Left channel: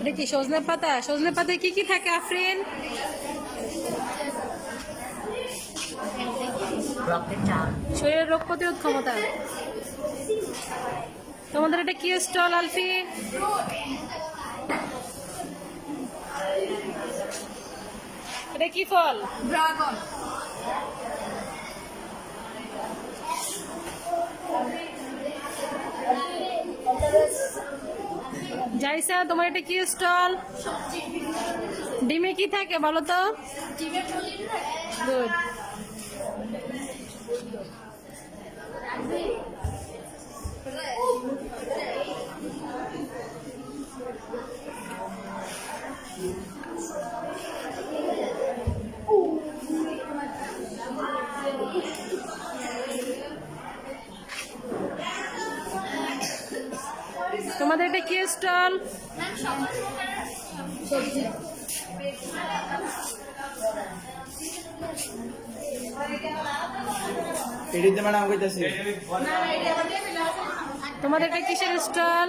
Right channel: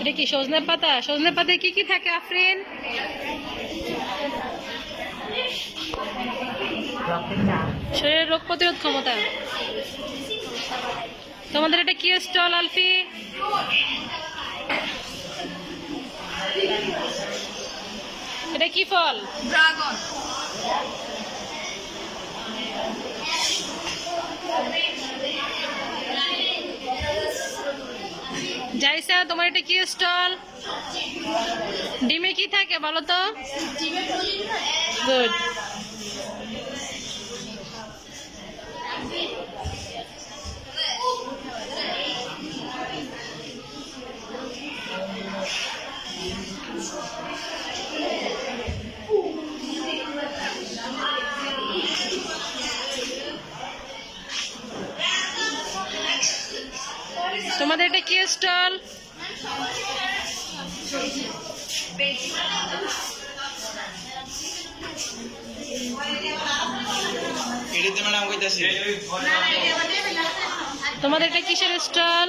এটা কি সজনে পাতা? সজনে পাতায় কি কি থাকে আফরিন? শরীরের রোগ প্রতিরোধ ক্ষমতা। তোমাদের এটা কি স্টল আলফি? এটা কি ফল? ড্রাগন। জাইসা, তোমার এটা কি স্টল? ডিমে কি থাকে বলো তো? গুড। তোমাদের এটা কি স্টল? তোমাদের এটা কিসের স্টল?